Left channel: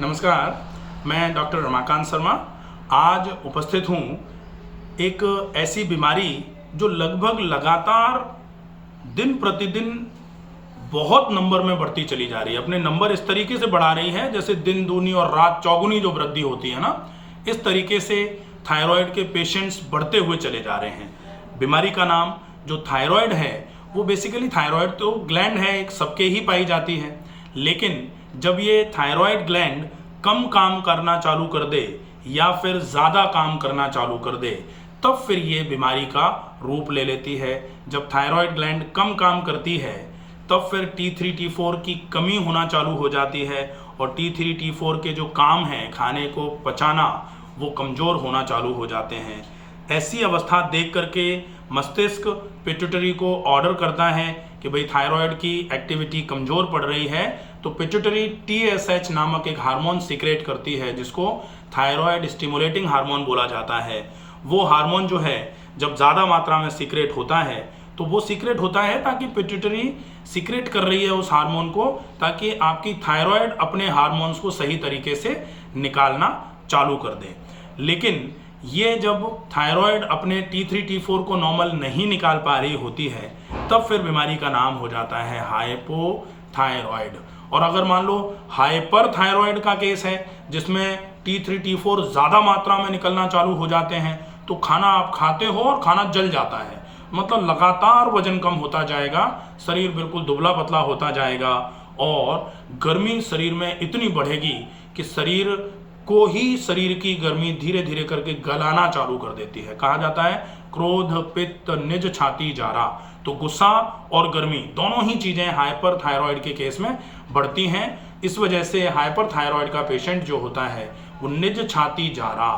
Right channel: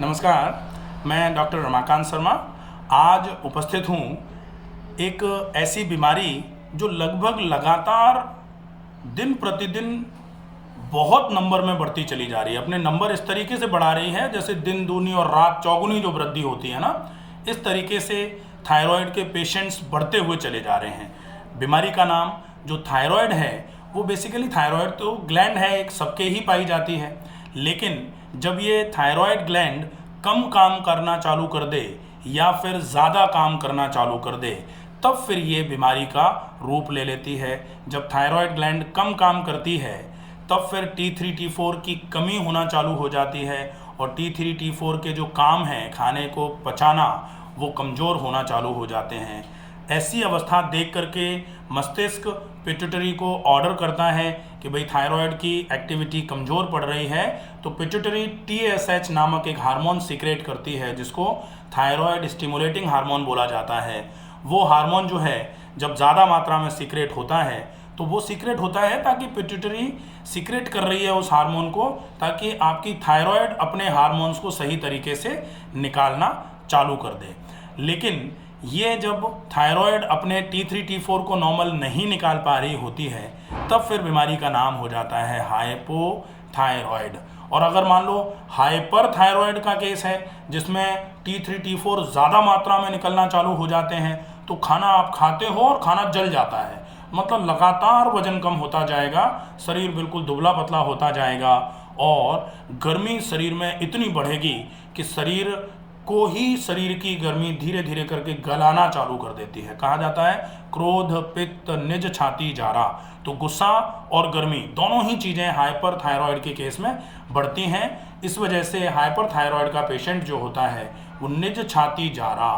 नमस्कार, मैं डॉक्टर रमाकांत शर्मा आज उपस्थित हूँ एक ऐसी बीमारी जो लगभग लगातार दिन प्रतिदिन बहुत नंबर में बढ़ती चली जा रही है। अपने नंबर इस तरीके से बढ़ा रही है जैसे दिन दूनी और रात चौगुनी जो वृद्धि होती है ना, इस तरीके से थायराइड के पेशेंट्स बढ़ते हुए चले जा रहे हैं। बीमारी का नाम जो थायराइड है वो बेसिकली थायराइड तो ग्लैंड है, एक सबके ही पाई जाती है, लेकिन जब ये थायराइड ग्लैंड कम काम करना चालू कर दे या फिर ज़्यादा काम करना चालू कर दे तब फिर ये बीमारी का रूप ले लेती है। जब थायराइड ग्लैंड कम काम करती है तब फिर T3 T4 की कमी होना चालू हो जाती है और T3 T4 के जो काम हैं खाने को पचाना वो कमज़ोर होना चालू हो जाते हैं। ऐसी अवस्था देख करके मस्तिष्क पिट्यूटरी को ऑर्डर करता है कि भाई थायराइड की एक्टिविटी कमज़ोर पड़ रही है, तो पिट्यूटरी TSH नामक एक हार्मोन सीक्रेट करती है जिसको थायराइड स्टिमुलेटिंग हार्मोन बोला जाता है। वो हार्मोन जो है जब ज़्यादा मात्रा में सीक्रेट होता है तो वो सीक्रेट होता है ताकि पिट्यूटरी सीक्रेट कर रही है उस हार्मोन को, ताकि आपकी थायराइड अपने हार्मोन्स को सही तरीके से निकालना चालू कर दे। लेकिन ये जब थायराइड अपने T3 T4 को नॉर्मल नहीं निकाल पा रही होती है तब फिर बीमारी का नाम हो जाता है हाइपोथायराइड। और अगर मान लो हाइपर थायराइड का केस है जिसमें T3 T4 ज़्यादा मात्रा में निकलना चालू हो जाते हैं तो खाना आप खाते हो और खाना जल जाता है, मतलब लगातार वजन कम होता जाएगा, शरीर बिल्कुल दुबला पतला होता जाएगा और गर्मी शरीर में इतनी बढ़ेगी कि शरीर को ही शरीर की गर्मी धीरे धीरे करके गलाना चालू कर देती है। कहा जाता है क्रोध पित्त निज छाती जारा, तो गुस्सा और गर्मी दोनों ही चीज़ें हाइपर थायराइड के केस में बढ़ती हैं। इस वजह से हाइपर थायराइड का पेशेंट जो होता है वो निज छाती जारा,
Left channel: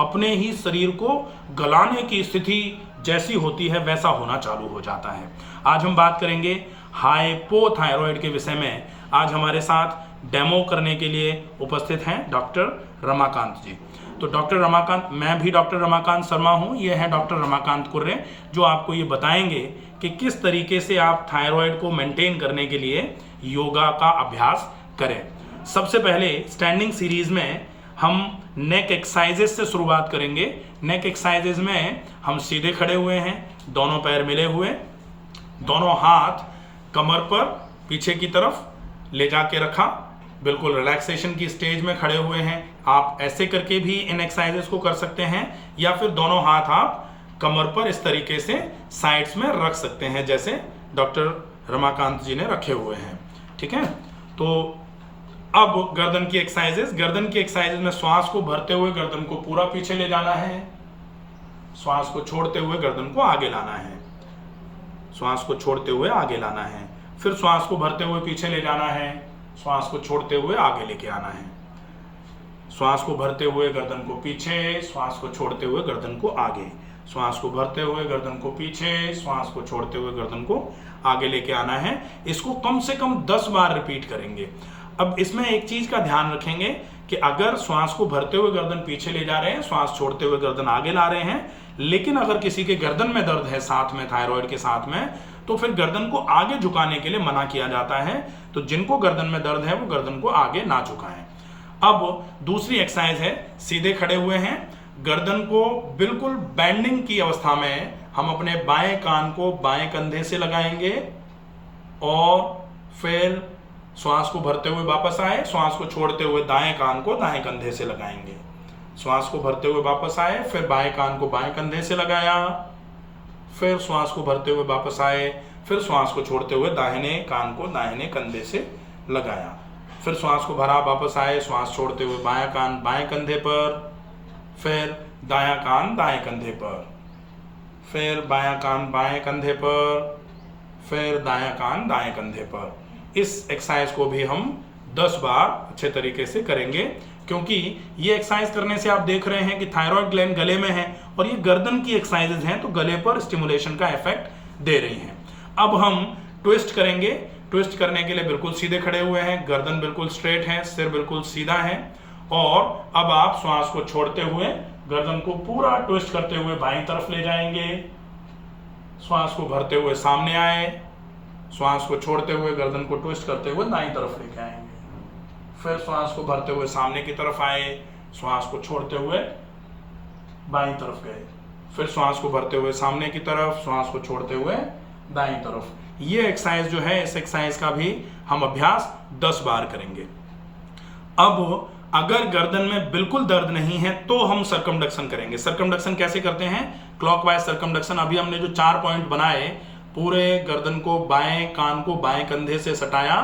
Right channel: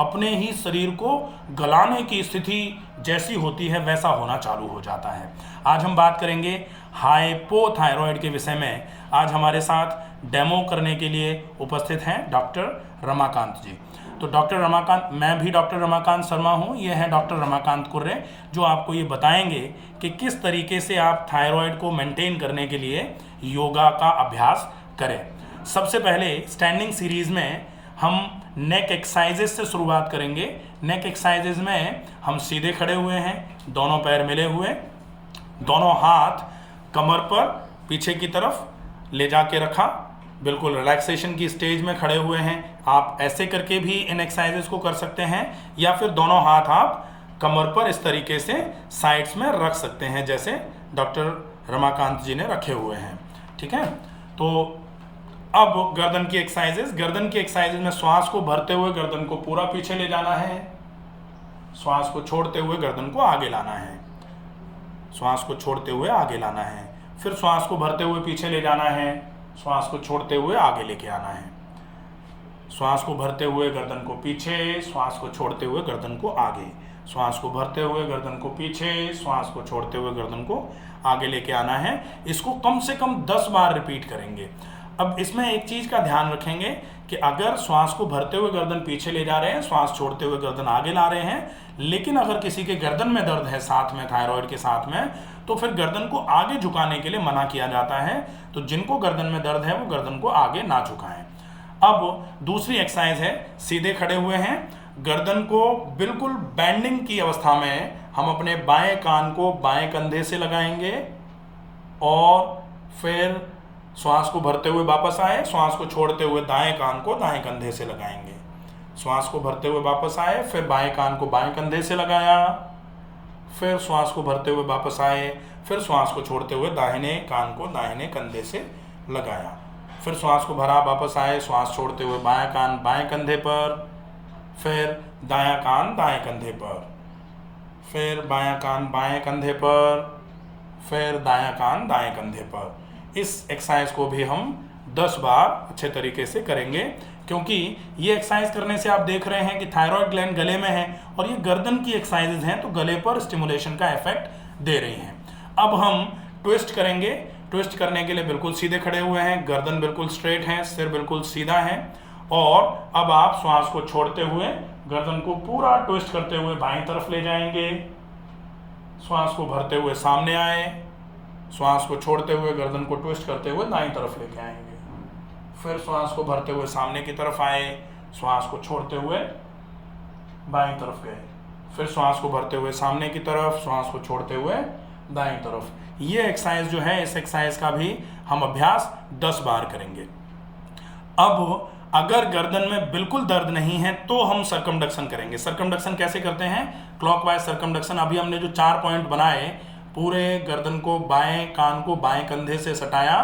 अपने ही शरीर को गलाने की स्थिति जैसी होती है वैसा होना चालू हो जाता है। आज हम बात करेंगे हाइपोथायराइड के विषय में। आज हमारे साथ डेमो करने के लिए उपस्थित हैं डॉक्टर रमाकांत जी। तो डॉक्टर रमाकांत, मैं भी डॉक्टर रमाकांत शर्मा हूँ, ये है डॉक्टर रमाकांत कुर्रे जो आपको ये बताएंगे कि किस तरीके से आप थायराइड को मेंटेन करने के लिए योगा का अभ्यास करें। सबसे पहले स्टैंडिंग सीरीज में हम नेक एक्सरसाइजेस से शुरुआत करेंगे। नेक एक्सरसाइजेस में हम सीधे खड़े हुए हैं, दोनों पैर मिले हुए, दोनों हाथ कमर पर पीछे की तरफ ले जाके रखा, बिल्कुल रिलैक्सेशन की स्टेज में खड़े हुए हैं। आप ऐसे करके भी इन एक्सरसाइजेस को कर सकते हैं या फिर दोनों हाथ आप कमर पर इस तरीके से साइड्स में रख सकते हैं जैसे डॉक्टर रमाकांत जी ने रखे हुए हैं। ठीक है, तो अब गर्दन की एक्सरसाइजेस। गर्दन की एक्सरसाइजेस में श्वास को भरते हुए गर्दन को पूरा पीछे ले जाना है, श्वास को छोड़ते हुए गर्दन को आगे लाना है, श्वास को छोड़ते हुए आगे लाना है, फिर श्वास को भरते हुए पीछे ले जाना है, श्वास को छोड़ते हुए आगे लेके आना है, श्वास को भरते हुए गर्दन को पीछे, श्वास को छोड़ते हुए गर्दन को आगे, श्वास को भरते हुए गर्दन को पीछे, श्वास को छोड़ते हुए गर्दन को आगे लेके आना है। इसको कम से कम 10 बार रिपीट करेंगे। अब इसमें एक चीज का ध्यान रखेंगे कि अगर श्वास को भरते हुए गर्दन पीछे ले जा रहे हैं, श्वास छोड़ते हुए गर्दन आगे ला रहे हैं, लेकिन अगर किसी के गर्दन में दर्द है साथ में थायराइड के साथ में, तो फिर गर्दन को आगे झुकाने के लिए मना किया जाता है। तो जिनको गर्दन में दर्द है वो गर्दन को आगे ना झुकाएं। अब दूसरी एक्सरसाइज है, सीधे खड़े हुए हैं, गर्दन को बिल्कुल बैंडिंग की अवस्था में हम अपने बाएं कान को बाएं कंधे से लगाएंगे और फिर श्वास को भरते हुए वापस आए, श्वास को छोड़ते हुए दाएं कान को दाएं कंधे से लगाएंगे, श्वास को भरते हुए वापस आए, फिर बाएं कान को बाएं कंधे से लगाया, फिर श्वास को भरते हुए वापस आए, फिर श्वास को छोड़ते हुए दाहिने कान को दाहिने कंधे से लगाया, फिर श्वास को भरा वापस आए, श्वास छोड़ते हुए बायां कान बाएं कंधे पर, फिर दायां कान दाएं कंधे पर, फिर बायां कान बाएं कंधे पर, फिर दायां कान दाएं कंधे पर। इस एक्सरसाइज को भी हम 10 बार अच्छे तरीके से करेंगे, क्योंकि ये एक्सरसाइज करने से आप देख रहे हैं कि थायराइड ग्लैंड गले में है और ये गर्दन की एक्सरसाइजेज हैं तो गले पर स्टिमुलेशन का इफेक्ट दे रही हैं। अब हम ट्विस्ट करेंगे। ट्विस्ट करने के लिए बिल्कुल सीधे खड़े हुए हैं, गर्दन बिल्कुल स्ट्रेट है, सिर बिल्कुल सीधा है और अब आप श्वास को छोड़ते हुए गर्दन को पूरा ट्विस्ट करते हुए बाईं तरफ ले जाएंगे, श्वास को भरते हुए सामने आए, श्वास को छोड़ते हुए गर्दन को ट्विस्ट करते हुए दाईं तरफ लेके आएंगे, फिर श्वास को भरते हुए सामने की तरफ आए, श्वास को छोड़ते हुए बाईं तरफ गए, फिर श्वास को भरते हुए सामने की तरफ, श्वास को छोड़ते हुए दाईं तरफ। ये एक्सरसाइज जो है, इस एक्सरसाइज का भी हम अभ्यास 10 बार करेंगे। अब अगर गर्दन में बिल्कुल दर्द नहीं है तो हम सर्कमडक्शन करेंगे। सर्कमडक्शन कैसे करते हैं? Clockwise circumduction. अभी हमने जो 4 पॉइंट बनाए, पूरे गर्दन को, बाएं कान को बाएं कंधे से सटाया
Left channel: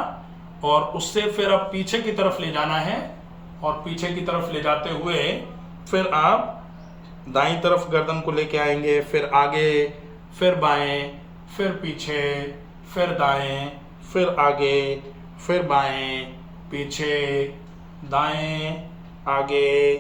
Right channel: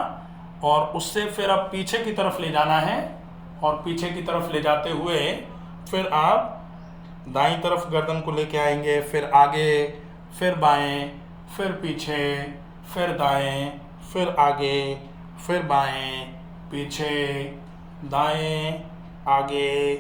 और उससे फिर अब पीछे की तरफ ले जाना है, और पीछे की तरफ ले जाते हुए फिर आप दाईं तरफ गर्दन को लेके आएंगे, फिर आगे, फिर बाएं, फिर पीछे, फिर दाएं, फिर आगे, फिर बाएं, पीछे, दाएं, आगे,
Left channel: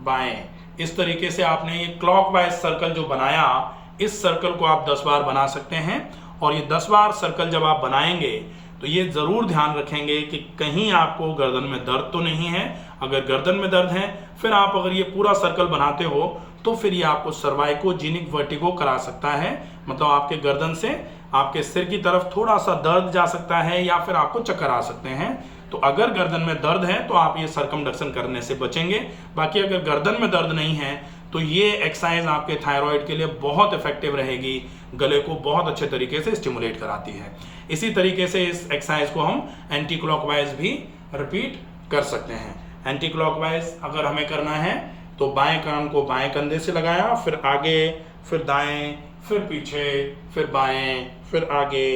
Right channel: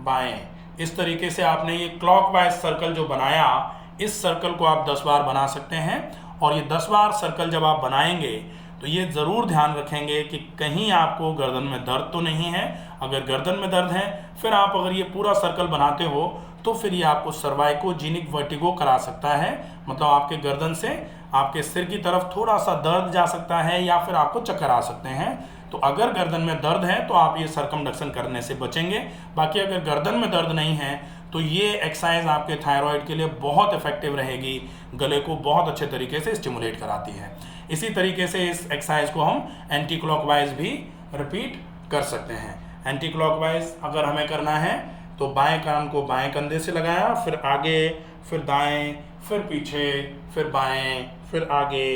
बाएं। इस तरीके से आपने ये क्लॉकवाइज सर्कल जो बनाया, इस सर्कल को आप 10 बार बना सकते हैं। और ये 10 बार सर्कल जब आप बनाएंगे तो ये ज़रूर ध्यान रखेंगे कि कहीं आपको गर्दन में दर्द तो नहीं है। अगर गर्दन में दर्द है, फिर आप अगर ये पूरा सर्कल बनाते हो तो फिर ये आपको सर्वाइकोजेनिक वर्टिगो करा सकता है। मतलब आपके गर्दन से आपके सिर की तरफ थोड़ा सा दर्द जा सकता है, या फिर आपको चक्कर आ सकते हैं। तो अगर गर्दन में दर्द है तो आप ये सर्कमडक्शन करने से बचेंगे। बाकी अगर गर्दन में दर्द नहीं है तो ये एक्सरसाइज आपके थायराइड के लिए बहुत इफेक्टिव रहेगी, गले को बहुत अच्छे तरीके से स्टिमुलेट कराती है। इसी तरीके से इस एक्सरसाइज को हम एंटी क्लॉकवाइज भी रिपीट कर सकते हैं। एंटी क्लॉकवाइज अगर हमें करना है तो बाएं कान को बाएं कंधे से लगाया, फिर आगे, फिर दाएं, फिर पीछे, फिर बाएं, फिर आगे,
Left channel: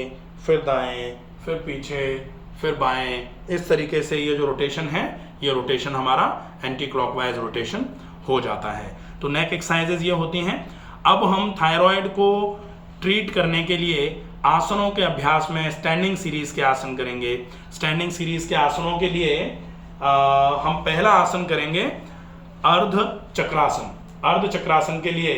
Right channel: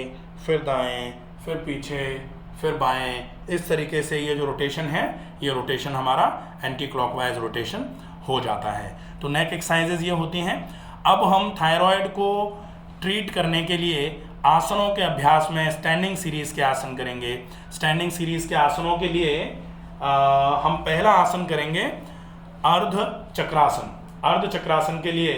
फिर दाएं, फिर पीछे, फिर बाएं। इस तरीके से ये जो रोटेशन है, ये रोटेशन हमारा एंटी क्लॉकवाइज रोटेशन हो जाता है। तो नेक एक्सरसाइजेज ये होती हैं। अब हम थायराइड को ट्रीट करने के लिए आसनों के अभ्यास में स्टैंडिंग सीरीज के आसन करेंगे। स्टैंडिंग सीरीज के आसनों के लिए हम पहला आसन करेंगे अर्ध चक्रासन। अर्ध चक्रासन के लिए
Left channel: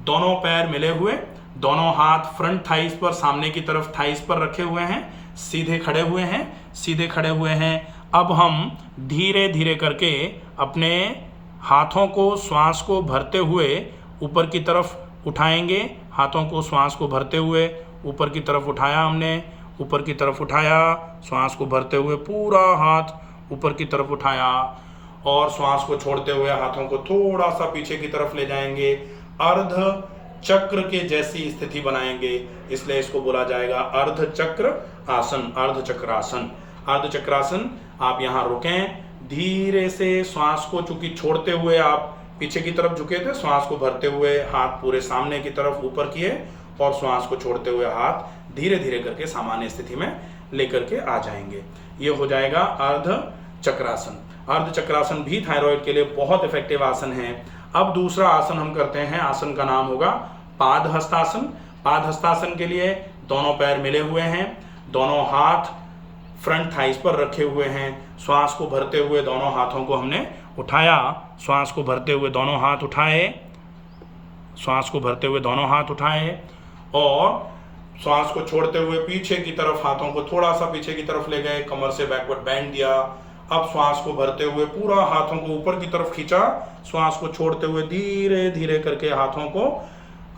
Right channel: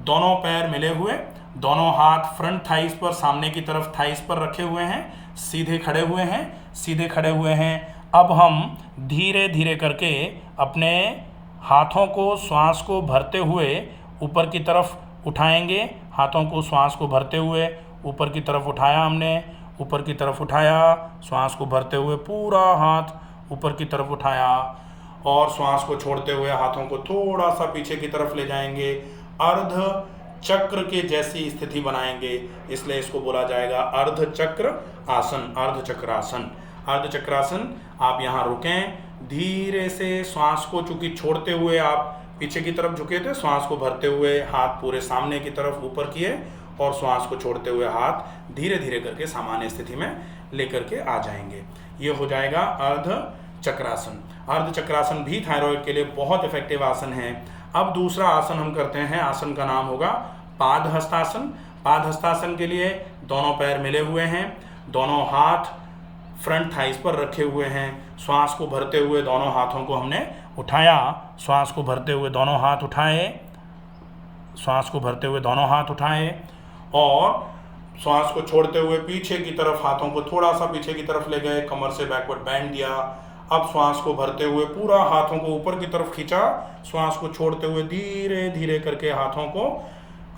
दोनों पैर मिले हुए, दोनों हाथ फ्रंट थाइस पर, सामने की तरफ थाइस पर रखे हुए हैं, सीधे खड़े हुए हैं, सीधे खड़े हुए हैं। अब हम धीरे धीरे करके अपने हाथों को, श्वास को भरते हुए ऊपर की तरफ उठाएंगे। हाथों को, श्वास को भरते हुए ऊपर की तरफ उठाया हमने, ऊपर की तरफ उठाया, श्वास को भरते हुए पूरा हाथ ऊपर की तरफ उठाया, और श्वास को छोड़ते हुए हाथों को थोड़ा सा पीछे की तरफ ले जाएंगे। अर्ध चक्र के जैसी स्थिति बनाएंगे, इसलिए इसको बोला जाएगा अर्ध चक्र आसन, अर्ध चक्रासन। अर्ध चक्रासन, आप यहाँ रुकें, धीरे से श्वास को, चूंकि छोड़ते हुए आप पीछे की तरफ झुके थे, श्वास को भरते हुए हाथ पूरे सामने की तरफ ऊपर किए, और श्वास को छोड़ते हुए हाथ धीरे धीरे करके सामान्य स्थिति में लेकर के आ जाएंगे। ये हो जाएगा अर्ध चक्रासन। अर्ध चक्रासन भी थायराइड के लिए बहुत इफेक्टिव आसन है। अब दूसरा आसन हम करते हैं, आसन का नाम होगा पाद हस्तासन। पाद हस्तासन के लिए दोनों पैर मिले हुए हैं, दोनों हाथ फ्रंट थाइस पर रखे हुए हैं। श्वास को भरते हुए दोनों हाथों को हमने उठाया, श्वास को भरते हुए दोनों हाथ उठाए, श्वास को भरते हुए दोनों हाथ उठाए, और श्वास को छोड़ते हुए पीछे की तरफ हाथों को थोड़ा सा पीछे की तरफ ले गए, कमर से बैकवर्ड बैंड दिया। अब श्वास को भरते हुए पूरा हाथों को ऊपर की तरफ खींचा, श्वास को छोड़ते हुए धीरे धीरे करके हाथों को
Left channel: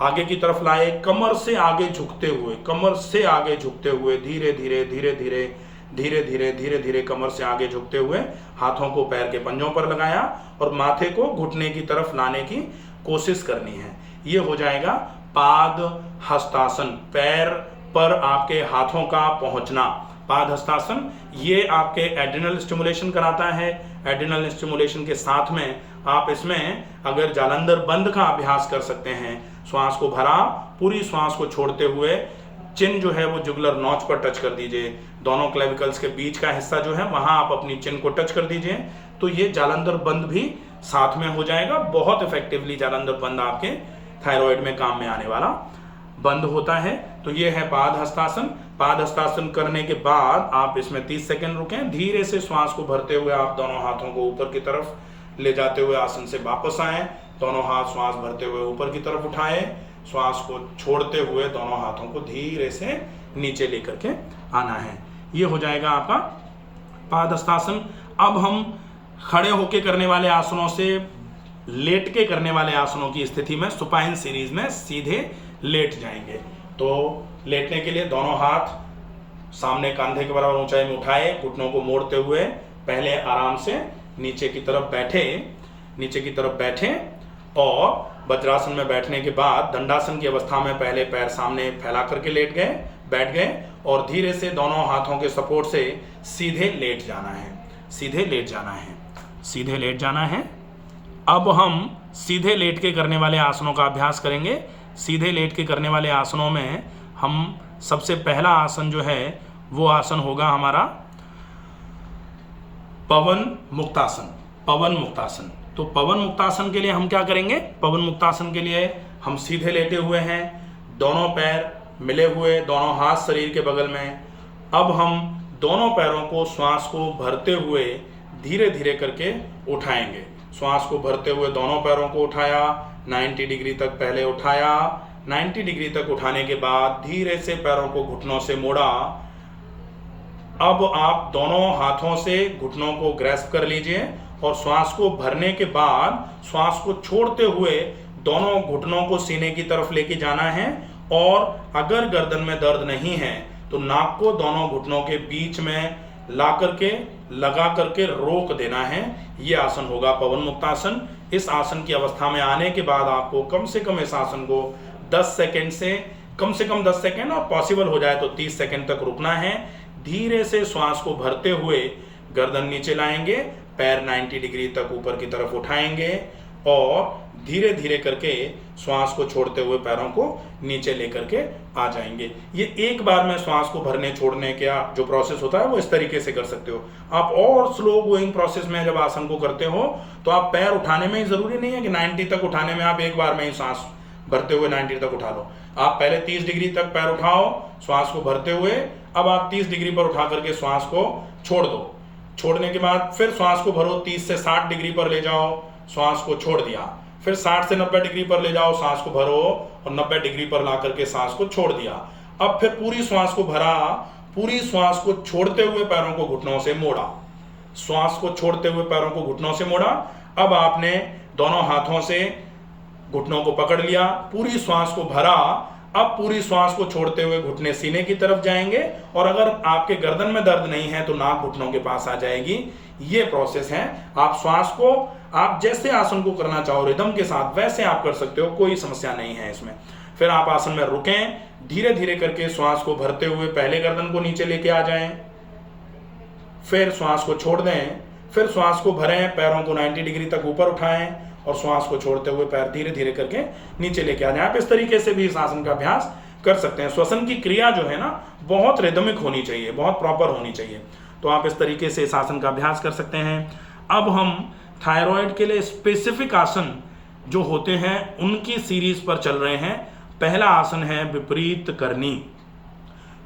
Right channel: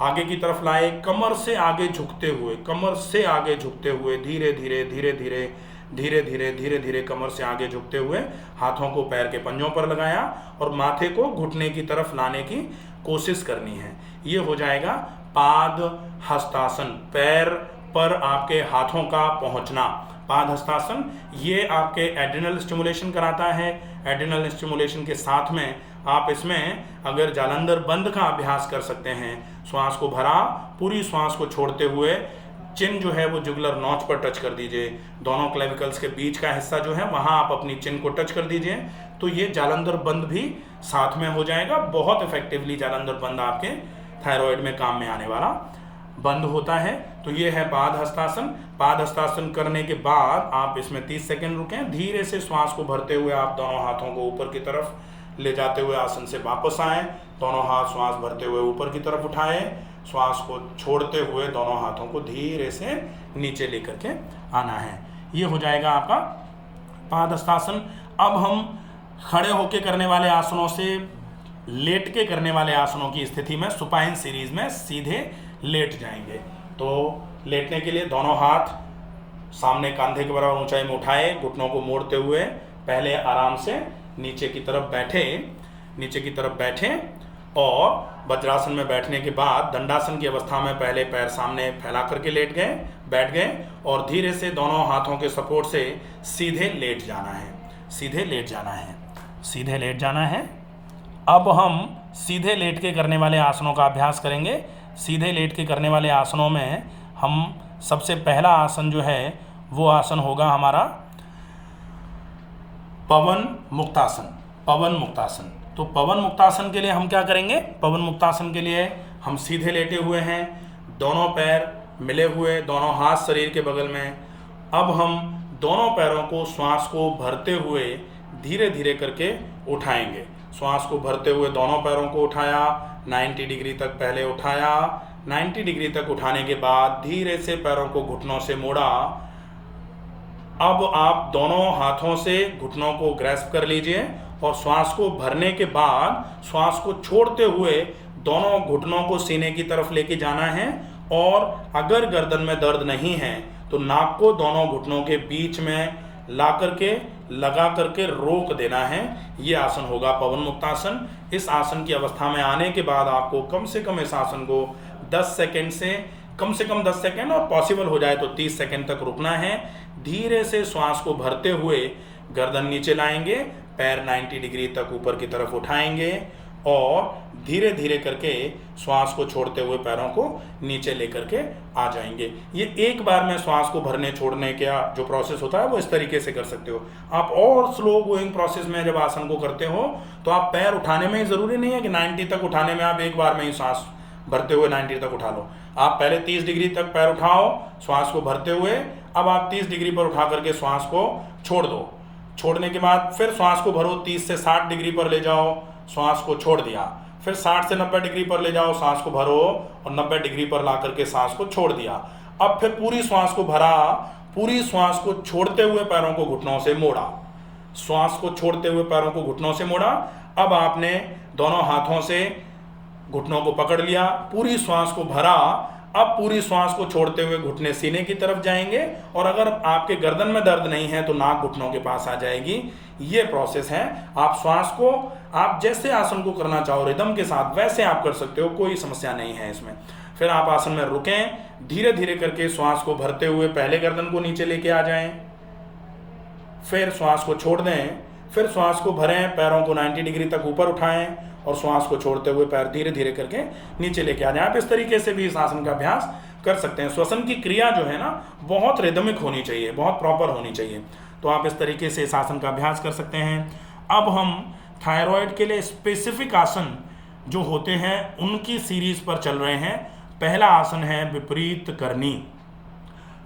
आगे की तरफ लाए, कमर से आगे झुकते हुए, कमर से आगे झुकते हुए, धीरे धीरे धीरे धीरे धीरे धीरे धीरे धीरे कमर से आगे झुकते हुए हाथों को पैर के पंजों पर लगाया, और माथे को घुटने की तरफ लाने की कोशिश करनी है। ये हो जाएगा पाद हस्तासन, पैर पर आपके हाथों का पहुंचना। पाद हस्तासन ये आपके एड्रिनल स्टिमुलेशन कराता है। एड्रिनल स्टिमुलेशन के साथ में आप इसमें अगर जालंधर बंद का अभ्यास कर सकते हैं। श्वास को भरा, पूरी श्वास को छोड़ते हुए चिन जो है वो जुगुलर नॉच पर टच कर दीजिए। दोनों क्लेविकल्स के बीच का हिस्सा जो है वहां आप अपनी चिन को टच कर दीजिए, तो ये जालंधर बंद भी साथ में हो जाएगा। बहुत इफेक्टिवली जालंधर बंद आपके थायराइड में काम में आने वाला बंद होता है। तो ये है पाद हस्तासन। पाद हस्तासन करने के बाद आप इसमें 30 सेकंड रुकें, धीरे से श्वास को भरते हुए आप दोनों हाथों को ऊपर की तरफ ले जाते हुए आसन से वापस आए, दोनों हाथ श्वास भरते हुए ऊपर की तरफ उठाए, श्वास को छोड़ते हुए दोनों हाथों को धीरे से नीचे लेकर के आना है। ये हो जाएगा आपका पाद हस्तासन। अब हम खड़े होके करने वाले आसनों से लेट के करने वाले आसनों की स्थिति में सुपाइन सीरीज में सीधे लेट जाएंगे। तो लेटने के लिए दोनों हाथ सामने कंधे के बराबर ऊंचाई में उठाए, घुटनों को मोड़ते हुए पहले आराम से नीचे की तरफ बैठे और वज्रासन में बैठने के बाद दंडासन की अवस्था में पहले पैर सामने फैला करके बैठ गए और धीरे से दोनों हाथों के सपोर्ट से सीधे लेट जाना है। अब हम सीधे लेट के करने वाले आसनों का अभ्यास करेंगे। सीधे लेट के करने वाले आसनों में हम सबसे पहला आसन जो है वो आसन होगा हमारा पवन मुक्तासन। तो पवन मुक्तासन के लिए हम क्या करेंगे? पवन मुक्तासन के लिए हम सीधे लेटे हुए हैं, दोनों पैर मिले हुए, दोनों हाथ शरीर के बगल में। अब हम दोनों पैरों को श्वास को भरते हुए धीरे धीरे करके उठाएंगे। श्वास को भरते हुए दोनों पैरों को उठाया, 90 डिग्री तक पहले उठाया। 90 डिग्री तक उठाने के बाद धीरे से पैरों को घुटनों से मोड़ा। अब आप दोनों हाथों से घुटनों को ग्रैस्प कर लीजिए और श्वास को भरने के बाद श्वास को छोड़ते हुए दोनों घुटनों को सीने की तरफ लेके जाना है। और अगर गर्दन में दर्द नहीं है तो नाक को दोनों घुटनों के बीच में लगा करके रोक देना है। ये आसन होगा पवन मुक्तासन। इस आसन की अवस्था में आने के बाद आपको कम से कम इस आसन को 10 सेकंड और पॉसिबल हो जाए तो 30 सेकंड तक रुकना है। धीरे से श्वास को भरते हुए गर्दन नीचे लाएंगे, पैर 90 डिग्री तक ऊपर की तरफ उठाएंगे और धीरे धीरे करके श्वास को छोड़ते हुए पैरों को नीचे लेकर के आ जाएंगे। ये एक बार में श्वास को भरने छोड़ने का जो प्रोसेस होता है वो इस तरीके से कर सकते हो आप। और स्लो गोइंग प्रोसेस में जब आसन को करते हो तो आप पैर उठाने में ही जरूरी नहीं है कि 90 तक उठाने में आप एक बार में ही श्वास भरते हुए 90 तक उठा लो। आप पहले 30 डिग्री तक पैर उठाओ श्वास को भरते हुए। अब आप 30 डिग्री पर उठा करके श्वास को छोड़ दो। छोड़ने के बाद फिर श्वास को भरो, 30 से 60 डिग्री पर ले जाओ, श्वास को छोड़ दिया। फिर 60 से 90 डिग्री पर ले जाओ, सांस को भरो और 90 डिग्री पर ला करके सांस को छोड़ दिया। अब फिर पूरी श्वास को भरा, पूरी श्वास को छोड़ते हुए पैरों को घुटनों से मोड़ा। श्वास को छोड़ते हुए पैरों को घुटनों से मोड़ा। अब आपने दोनों हाथों से घुटनों को पकड़ लिया, पूरी श्वास को भरा। अब पूरी श्वास को छोड़ते हुए घुटने सीने की तरफ जाएंगे और अगर आपके गर्दन में दर्द नहीं है तो नाक घुटनों के पास आ जाएगी। ये प्रोसेस है। आप श्वास को आप जैसे आसन को करना चाहो रिदम के साथ वैसे आप कर सकते हो, कोई समस्या नहीं है इसमें। फिर आप आसन में रुकें, धीरे धीरे करके श्वास को भरते हुए पहले गर्दन को नीचे लेके आ जाएं, फिर श्वास को छोड़ दें, फिर श्वास को भरें, पैरों को 90 डिग्री तक ऊपर उठाएं और श्वास को छोड़ते हुए पैर धीरे धीरे करके नीचे लेके आ जाएं। आप इस तरीके से भी इस आसन का अभ्यास कर सकते हैं। श्वसन की क्रिया जो है ना बहुत रिदमिक होनी चाहिए, बहुत प्रॉपर होनी चाहिए। तो आप इस तरीके से इस आसन का अभ्यास कर सकते हैं। अब हम थायराइड के लिए स्पेसिफिक आसन जो होते हैं उनकी सीरीज पर चल रहे हैं। पहला आसन है विपरीत करनी।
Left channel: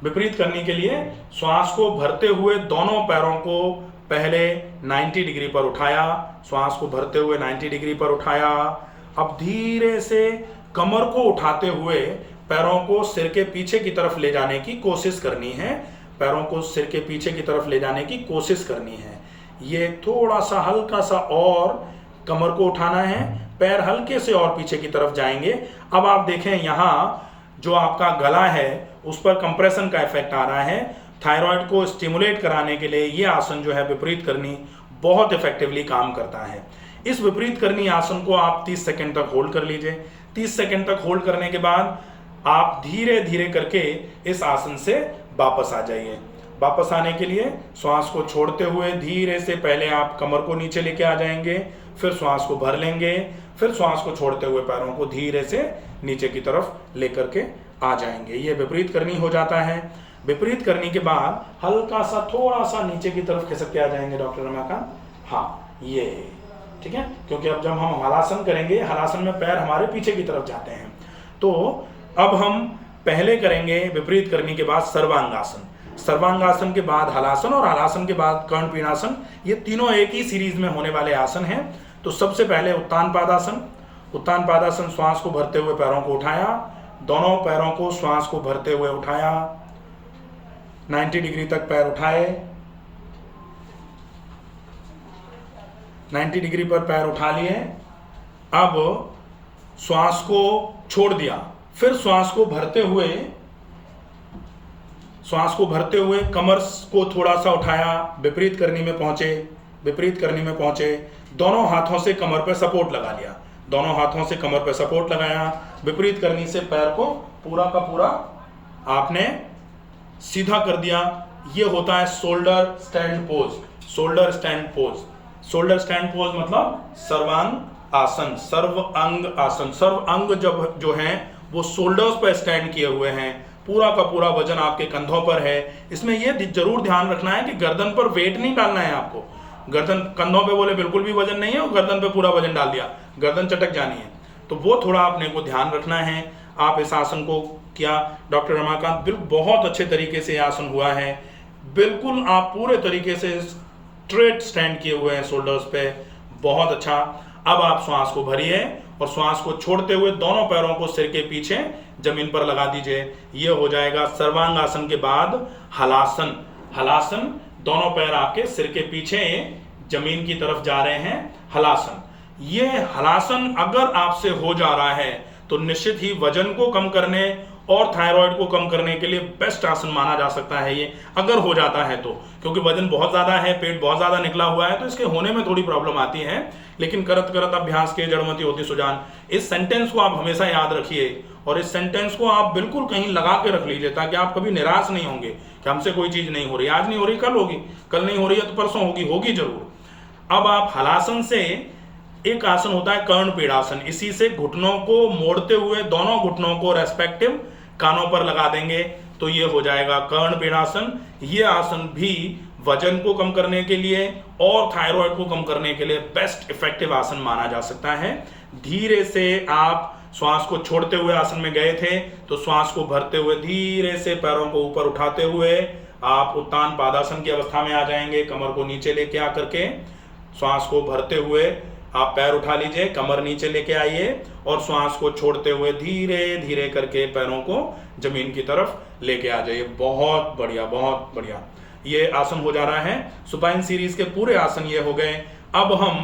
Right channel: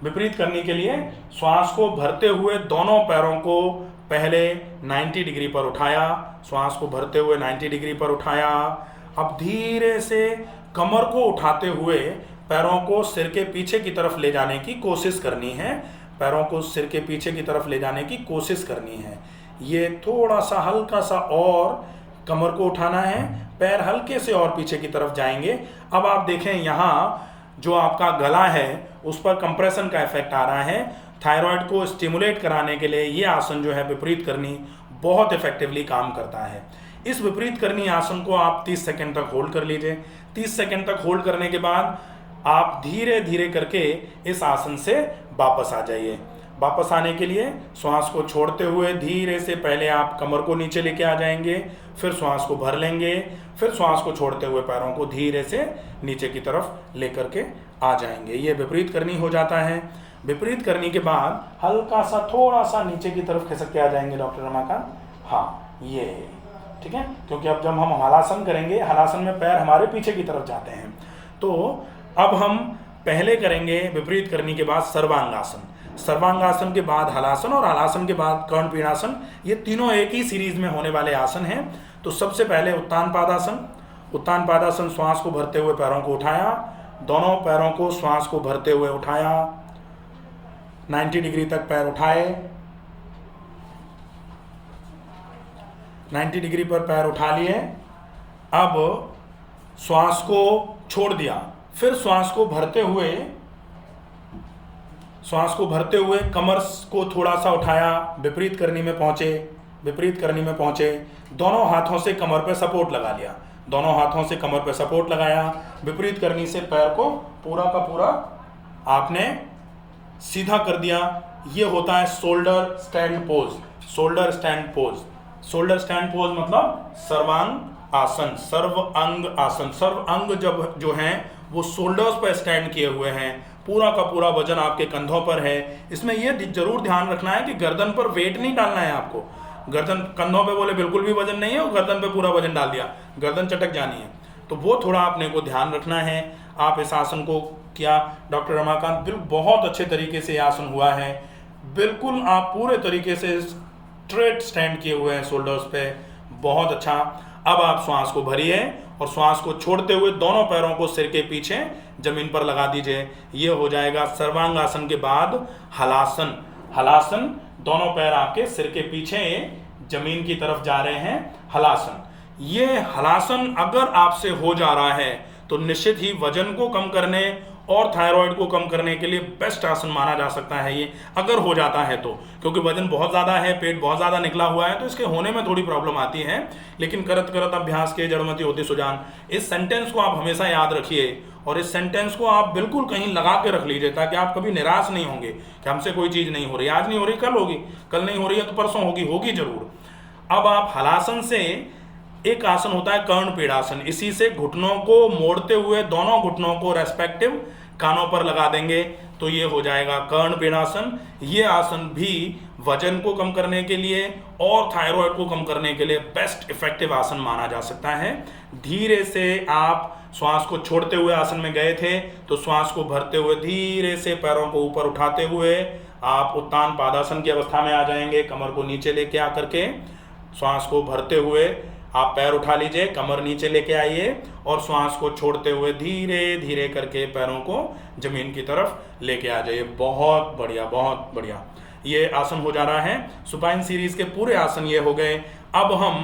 विपरीत करनी के लिए श्वास को भरते हुए दोनों पैरों को पहले 90 डिग्री पर उठाया, श्वास को भरते हुए 90 डिग्री पर उठाया। अब धीरे से कमर को उठाते हुए पैरों को सिर के पीछे की तरफ ले जाने की कोशिश करनी है। पैरों को सिर के पीछे की तरफ ले जाने की कोशिश करनी है। ये थोड़ा सा हल्का सा और कमर को उठाना है, पैर हल्के से और पीछे की तरफ जाएंगे। अब आप देखें यहाँ जो आपका गला है उस पर कंप्रेशन का इफेक्ट आ रहा है। थायराइड को स्टिमुलेट कराने के लिए ये आसन जो है विपरीत करनी बहुत इफेक्टिवली काम करता है। इस विपरीत करनी आसन को आप 30 सेकंड तक होल्ड कर लीजिए। 30 सेकंड तक होल्ड करने के बाद आप धीरे धीरे करके इस आसन से वापस आ जाइए। वापस आने के लिए श्वास को छोड़ते हुए धीरे से पहले आप कमर को नीचे लेके आ जाएंगे, फिर श्वास को भर लेंगे, फिर श्वास को छोड़ते हुए पैरों को धीरे से नीचे की तरफ लेकर के आ जाएंगे। ये विपरीत करनी हो जाता है। विपरीत करने के बाद हल्का सा थोड़ा सा नीचे की तरफ खिसक के आ जाएंगे डॉक्टर रमाकांत। हाँ ये ठीक है, क्योंकि अब जब हम हलासन करेंगे, हलासन में पैर हमारे पीछे की तरफ जाते हैं। तो अब हम पहले करेंगे विपरीत करने के बाद सर्वांगासन। सर्वांगासन के बाद हलासन और हलासन के बाद कर्णपीणासन। ये तीनों एक ही सीरीज में होने वाले आसन हैं। तो सबसे पहले उत्तान पादासन। उत्तान पादासन श्वास को भरते हुए पैरों को उठाया, दोनों पैरों को श्वास को भरते हुए उठाया, 90 डिग्री तक पैर उठाए, 90 डिग्री पर पैर उठा लिए। अब श्वास को छोड़ दिया, फिर श्वास को भरते हुए श्वास को भरते हुए कमर को थोड़ा सा उठाया, विपरीत करनी में पहुंचे, विपरीत करनी में पहुंचे, दोनों हाथों से कमर पे सपोर्ट लगा लिया, दोनों हाथों से कमर पे सपोर्ट लगाया, विपरीत करनी से पैर को पूरा का पूरा आपने सीधा कर दिया। ये होता है shoulder stand pose. Shoulder stand pose, shoulder stand pose मतलब सर्वांग आसन, सर्व अंग आसन। सर्व अंग जब जो है वो शोल्डर्स पर स्टैंड किए हुए हैं, पूरा का पूरा वजन आपके कंधों पर है। इसमें ये जरूर ध्यान रखना है कि गर्दन पर वेट नहीं डालना है आपको। गर्दन कंधों पे बोले बिल्कुल भी वजन नहीं है और गर्दन पे पूरा वजन डाल दिया, गर्दन चटक जानी है, तो वो थोड़ा आपने को ध्यान रखना है। आप इस आसन को किया, डॉक्टर रमाकांत बिल्कुल बहुत अच्छे तरीके से आसन हुआ है, बिल्कुल आप पूरे तरीके से स्ट्रेट स्टैंड किए हुए हैं शोल्डर्स पे, बहुत अच्छा। अब आप श्वास को भरिए और श्वास को छोड़ते हुए दोनों पैरों को सिर के पीछे जमीन पर लगा दीजिए। ये हो जाएगा सर्वांग आसन के बाद हलासन। हलासन, दोनों पैर आपके सिर के पीछे जमीन की तरफ जा रहे हैं, हलासन। ये हलासन अगर आपसे हो जा रहा है तो निश्चित ही वजन को कम करने और थायराइड को कम करने के लिए बेस्ट आसन माना जा सकता है ये, अगर हो जाता है तो। क्योंकि वजन बहुत ज़्यादा है, पेट बहुत ज़्यादा निकला हुआ है, तो इसके होने में थोड़ी प्रॉब्लम आती है, लेकिन करत करत अभ्यास के जड़मति होती सुजान। इस सेंटेंस को आप हमेशा याद रखिए और इस सेंटेंस को आप बिल्कुल कहीं लगा के रख लीजिए, ताकि आप कभी निराश नहीं होंगे कि हमसे कोई चीज़ नहीं हो रही, आज नहीं हो रही कल होगी, कल नहीं हो रही है तो परसों होगी, होगी जरूर। अब आप हलासन से एक आसन होता है कर्ण पीड़ासन, इसी से घुटनों को मोड़ते हुए दोनों घुटनों को रेस्पेक्टिव कानों पर लगा देंगे, तो ये हो जाएगा कर्ण पीड़ासन। ये आसन भी वजन को कम करने के लिए और थायराइड को कम करने के लिए बेस्ट इफेक्टिव आसन माना जा सकता है। धीरे से आप श्वास को छोड़ते हुए आसन में गए थे, तो श्वास को भरते हुए धीरे से पैरों को ऊपर उठाते हुए आप उत्तान पादासन की अवस्था में आ जाएंगे। कमर को नीचे लेके आकर के श्वास को भरते हुए आप पैर उठा लीजिए, कमर नीचे लेके आइए और श्वास को छोड़ते हुए धीरे धीरे करके पैरों को जमीन की तरफ लेके आ जाइए। बहुत बढ़िया, बहुत बढ़िया, ये आसन हो जा रहा है। सुपाइन सीरीज के पूरे आसन ये हो गए। अब हम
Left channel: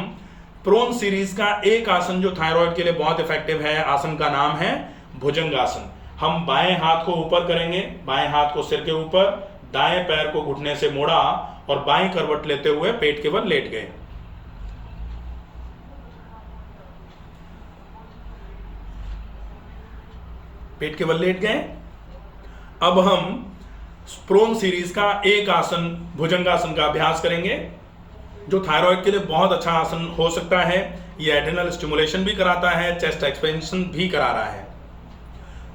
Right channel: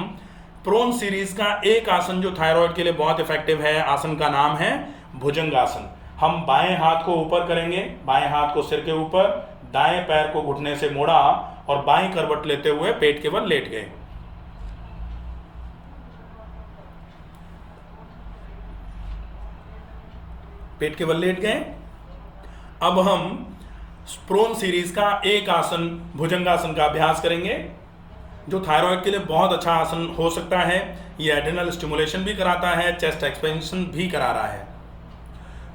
प्रोन सीरीज का एक आसन जो थायराइड के लिए बहुत इफेक्टिव है, आसन का नाम है भुजंगासन। हम बाएं हाथ को ऊपर करेंगे, बाएं हाथ को सिर के ऊपर, दाएं पैर को घुटने से मोड़ा और बाएं करवट लेते हुए पेट के बल लेट गए। पेट के बल लेट गए। अब हम प्रोन सीरीज का एक आसन भुजंगासन का अभ्यास करेंगे, जो थायराइड के लिए बहुत अच्छा आसन हो सकता है। ये एड्रेनल स्टिमुलेशन भी कराता है, चेस्ट एक्सपेंशन भी करा रहा है।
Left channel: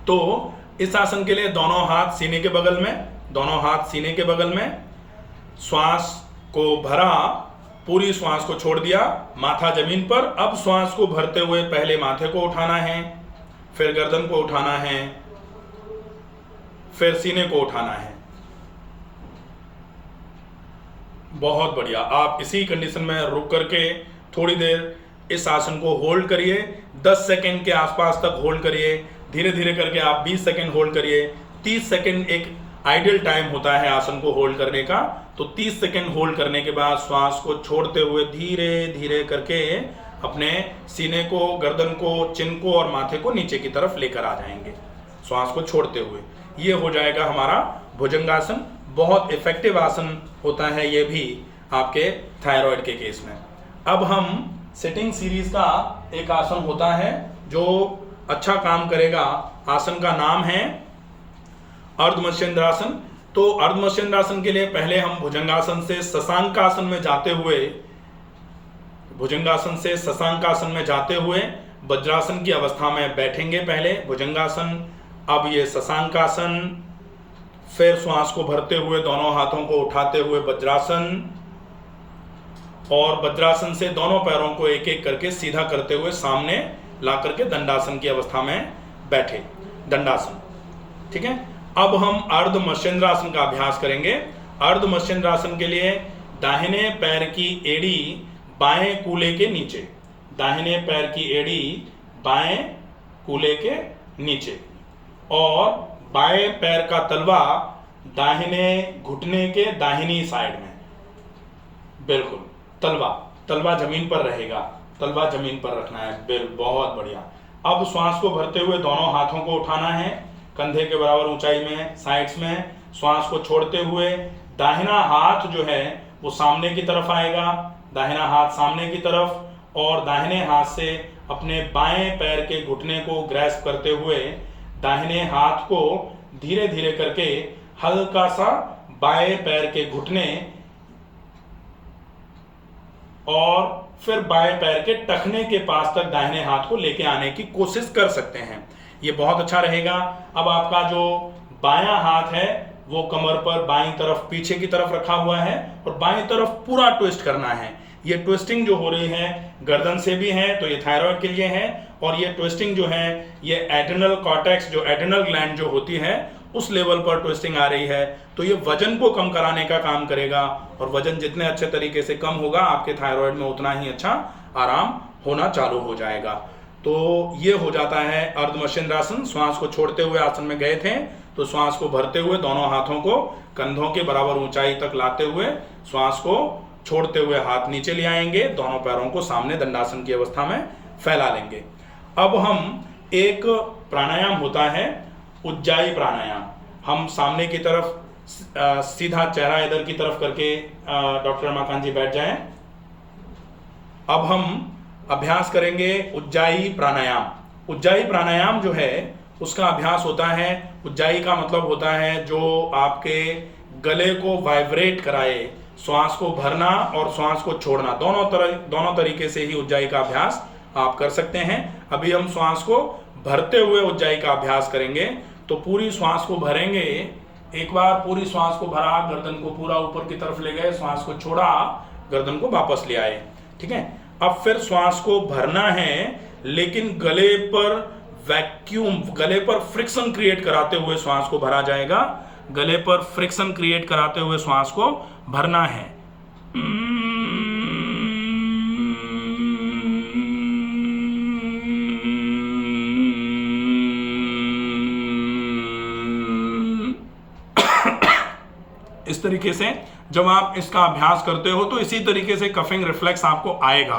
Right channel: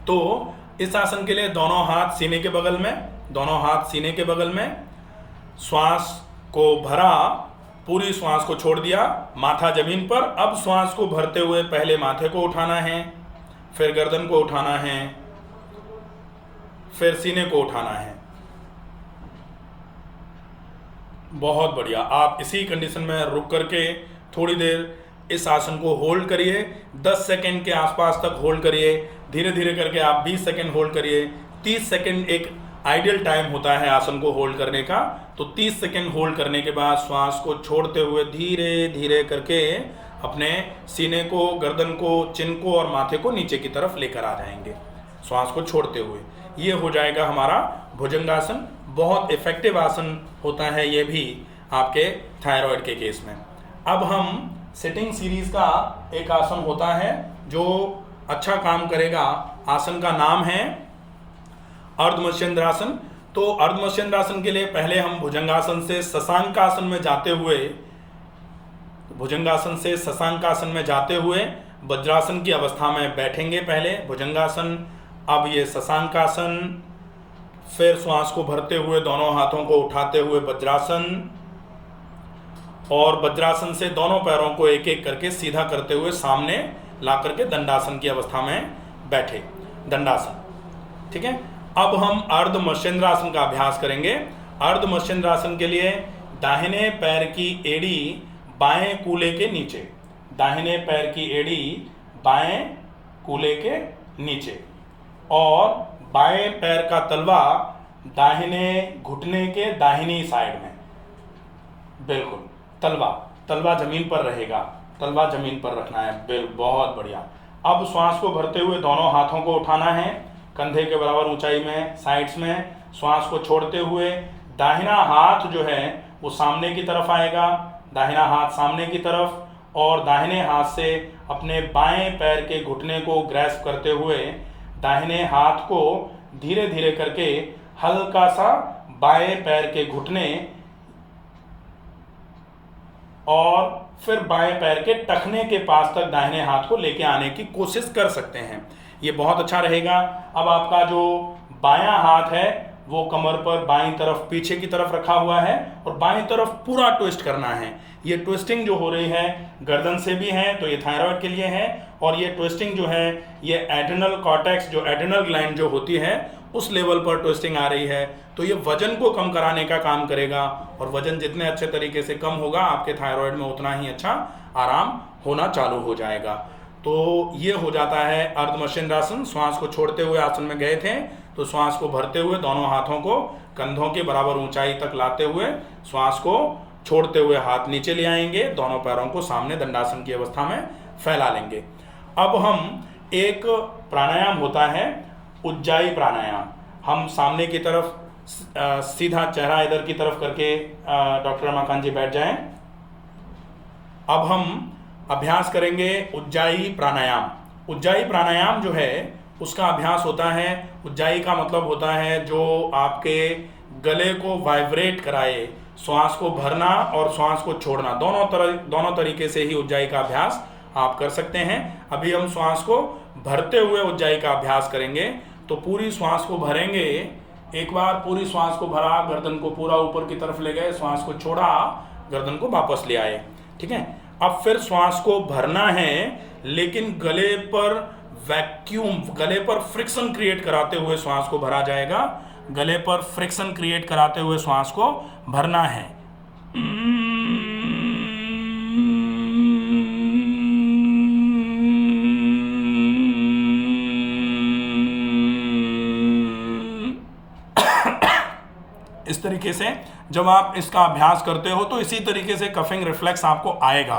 तो इस आसन के लिए दोनों हाथ सीने के बगल में, दोनों हाथ सीने के बगल में, श्वास को भरा, पूरी श्वास को छोड़ दिया, माथा जमीन पर। अब श्वास को भरते हुए पहले माथे को उठाना है, फिर गर्दन को उठाना है, फिर सीने को उठाना है। बहुत बढ़िया। आप इसी कंडीशन में रुक करके थोड़ी देर इस आसन को होल्ड करिए, 10 सेकंड के आसपास तक होल्ड करिए। धीरे धीरे करके आप 20 सेकंड होल्ड करिए। 30 सेकंड एक आइडियल टाइम होता है आसन को होल्ड करने का। तो 30 सेकंड होल्ड करने के बाद श्वास को छोड़ते हुए धीरे धीरे करके अपने सीने को, गर्दन को, चिन को और माथे को नीचे की तरफ लेकर आ जाएंगे श्वास को छोड़ते हुए। ये हो जाएगा हमारा भुजंगासन। बहुत इफेक्टिव आसन होता है ये भी आपके थायराइड के केस में। अब हम सिटिंग सीरीज का एक आसन होता है जो अच्छा काम करेगा। आसन का नाम है अर्धमत्स्येंद्रासन। तो अर्धमत्स्येंद्रासन के लिए पहले हम भुजंगासन से शशांकासन में जाते हुए, भुजंगासन से शशांकासन में जाते हुए वज्रासन की अवस्था में बैठेंगे। पहले भुजंगासन, अब ये शशांकासन, फिर श्वास को भरते हुए दोनों हाथों को उठाते हुए वज्रासन, और वज्रासन से दोनों पैरों को एक एक करके सीधा करते हुए सामने ला करके दंडासन की अवस्था में बैठे, दंडासन। ठीक है। अब हम अर्धमत्स्येंद्रासन का अभ्यास करेंगे। अर्धमत्स्येंद्रासन के लिए दाहिने पैर की एड़ी बाएं कूल्हे के नीचे, दाहिने पैर की एड़ी बाएं कूल्हे के नीचे, और बाएं पैर का तलवा दाहिने घुटने के दाहिनी साइड में। बिल्कुल, तलवा जमीन पर रहेगा, तलवा जमीन पर रखना है। बहुत बढ़िया। अब श्वास को भरते हुए दोनों हाथों को उठाना है, कंधे के बराबर ऊंचाई में, साइड्स में। श्वास को छोड़ते हुए दाहिना हाथ जो है वो सामने की तरफ आएगा, दाहिना हाथ सामने की तरफ, और दाहिने हाथ से अपने बाएं पैर के घुटने को ग्रैस्प करते हुए दाहिने हाथ को धीरे धीरे करके हल्का सा बाएं पैर के घुटने और फिर बाएं पैर के टखने के पास तक दाहिने हाथ को लेके आने की कोशिश कर सकते हैं। ये बहुत अच्छा रहेगा। अब आपका जो बायां हाथ है वो कमर पर बाईं तरफ पीछे की तरफ रखा हुआ है और बाईं तरफ पूरा ट्विस्ट करना है। ये ट्विस्टिंग जो हो रही है गर्दन से भी है, तो ये थायराइड के लिए है, और ये ट्विस्टिंग जो है ये एड्रिनल कॉर्टेक्स जो एड्रिनल ग्लैंड जो होती है उस लेवल पर ट्विस्टिंग आ रही है। तो ये वजन को कम कराने का काम करेगा, और वजन जितने अच्छे तरीके से कम होगा आपके थायराइड में उतना ही अच्छा आराम होना चालू हो जाएगा। तो ये हो जाता है अर्धमर्शेंद्रासन। श्वास को छोड़ते हुए आसन में गए थे, तो श्वास को भरते हुए दोनों हाथों को कंधों के बराबर ऊंचाई तक लाते हुए श्वास को छोड़ते हुए हाथ नीचे ले आएंगे, दोनों पैरों को सामने दंडासन की अवस्था में फैला लेंगे। अब हम एक प्राणायाम होता है उज्जाई प्राणायाम। हम सामने की तरफ सीधा चेहरा इधर की तरफ करके डॉक्टर रमाकांत जी बैठ जाएं। अब हम अभ्यास करेंगे उज्जाई प्राणायाम। उज्जाई प्राणायाम जो है उसका अभ्यास होता है, उज्जाई का मतलब होता है जो आपके गले को वाइब्रेट कराए, श्वास को भरना और श्वास को छोड़ना, दोनों तरीके से ही उज्जाई का अभ्यास आप कर सकते हैं। अभी हम श्वास को भरते हुए उज्जाई का अभ्यास करेंगे। तो पूरी श्वास को भरेंगे, एक बार पूरी श्वास को भरा, गर्दन को पूरा ऊपर की तरफ ले गए, श्वास को छोड़ा, गर्दन को वापस ले आए। ठीक है, अब फिर श्वास को भरना है, लेकिन गले पर वैक्यूम, गले पर फ्रिक्शन क्रिएट कराते हुए श्वास को भरा जाएगा। गले पर फ्रिक्शन क्रिएट कराते हुए श्वास को भरना है। इस तरीके से जब आप इसका अभ्यास करते हो तो इसी तरीके से कफिंग रिफ्लेक्स आपको आएगा।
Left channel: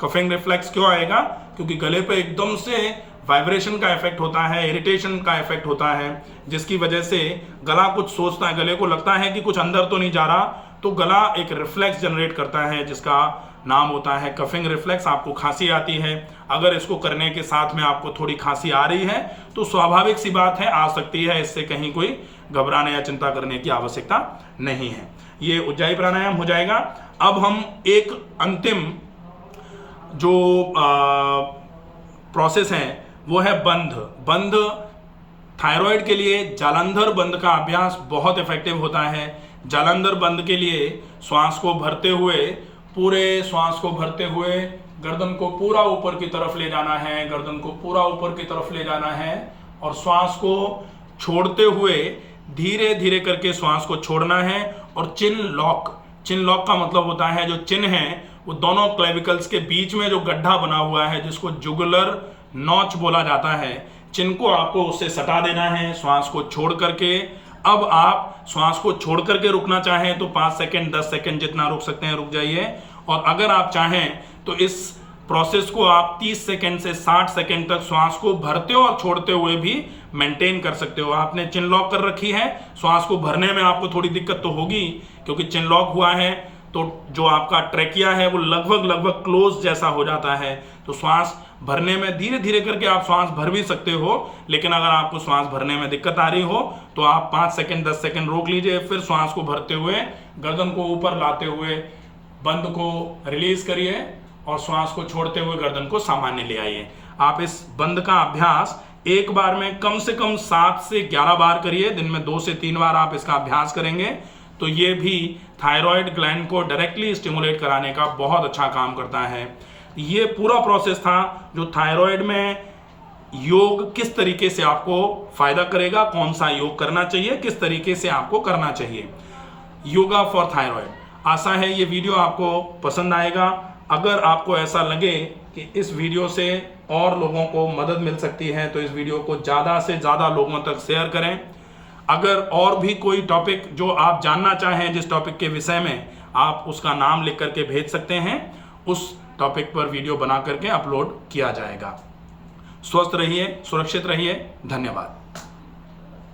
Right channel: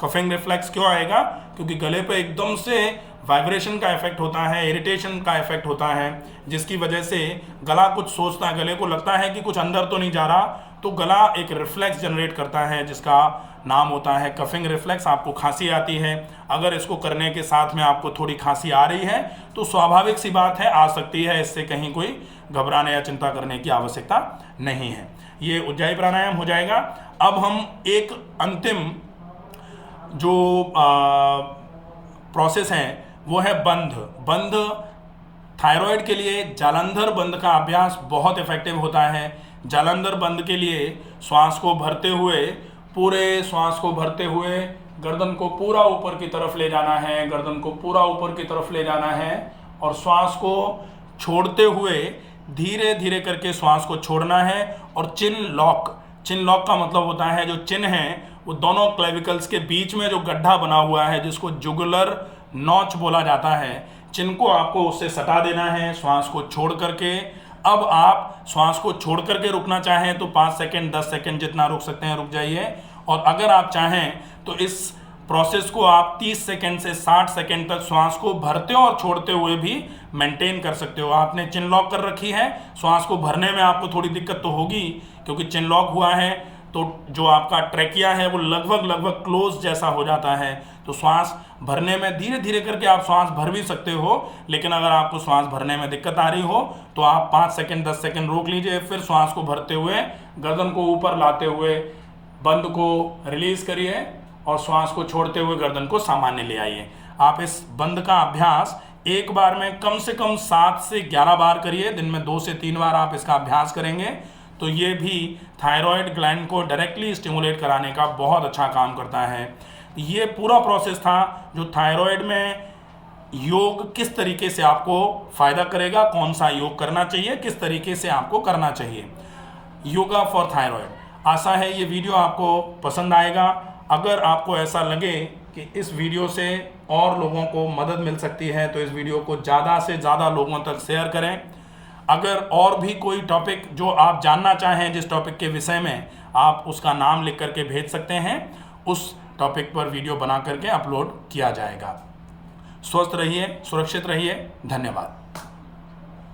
कफिंग रिफ्लेक्स क्यों आएगा? क्योंकि गले पे एकदम से वाइब्रेशन का इफेक्ट होता है, इरिटेशन का इफेक्ट होता है, जिसकी वजह से गला कुछ सोचता है, गले को लगता है कि कुछ अंदर तो नहीं जा रहा, तो गला एक रिफ्लेक्स जनरेट करता है जिसका नाम होता है कफिंग रिफ्लेक्स। आपको खांसी आती है, अगर इसको करने के साथ में आपको थोड़ी खांसी आ रही है तो स्वाभाविक सी बात है, आ सकती है, इससे कहीं कोई घबराने या चिंता करने की आवश्यकता नहीं है। ये उज्जाई प्राणायाम हो जाएगा। अब हम एक अंतिम जो प्रोसेस है वो है बंध। थायराइड के लिए जालंधर बंद का अभ्यास बहुत इफेक्टिव होता है। जालंधर बंद के लिए श्वास को भरते हुए, पूरे श्वास को भरते हुए गर्दन को पूरा ऊपर की तरफ ले जाना है, गर्दन को पूरा ऊपर की तरफ ले जाना है, और श्वास को छोड़ते हुए धीरे धीरे करके श्वास को छोड़ना है। और चिन लॉक का मतलब होता है जो चिन है वो दोनों क्लेविकल्स के बीच में जो गड्ढा बना हुआ है जिसको जुगुलर नॉच बोला जाता है, चिन को आपको उससे सटा देना है श्वास को छोड़ करके। अब आप श्वास को छोड़ करके रुकना चाहें तो 5 सेकंड 10 सेकंड जितना रुक सकते हैं रुक जाइए, और अगर आप चाहें तो इस प्रोसेस को आप 30 सेकंड से 60 सेकंड तक श्वास को भरते और छोड़ते हुए भी मेंटेन कर सकते हो। आपने चिन लॉक कर रखी है, श्वास को भरने में आपको थोड़ी दिक्कत तो होगी क्योंकि चिन लॉक हुआ है, तो जो आपका ट्रैकिया है वो लगभग क्लोज जैसा हो जाता है। तो श्वास भरने में धीरे धीरे करके आप श्वास भर भी सकते हो, लेकिन अगर आपको श्वास भरने में दिक्कत आ रही हो तो आप 5 सेकंड 10 सेकंड रोक लीजिए, फिर श्वास को भरते हुए गर्दन को ऊपर लाते हुए बंद को रिलीज करिए और श्वास को छोड़ते हुए गर्दन को सामान्य ले आइए। आप इस बंद का अभ्यास एक बार में कम से कम 7 से 11 बार करिए। दिन में 2 से 3 बार आप इसका अभ्यास करेंगे तो ये भी थायराइड ग्लैंड को डायरेक्टली स्टिमुलेट कराने का बहुत अच्छा काम करता है। ये पूरा प्रोसेस था जो थायराइड में योग किस तरीके से आपको फायदा करेगा, कौन सा योग करना चाहिए, किस तरीके से आपको करना चाहिए, योगा फॉर थायराइड। आशा है ये वीडियो आपको पसंद आएगा। अगर आपको ऐसा लगे कि इस वीडियो से और लोगों को मदद मिल सकती है तो इस वीडियो को ज़्यादा से ज़्यादा लोगों तक शेयर करें। अगर और भी कोई टॉपिक जो आप जानना चाहें, जिस टॉपिक के विषय में, आप उसका नाम लिख करके भेज सकते हैं, उस टॉपिक पर वीडियो बना करके अपलोड किया जाएगा। स्वस्थ रहिए, सुरक्षित रहिए। धन्यवाद।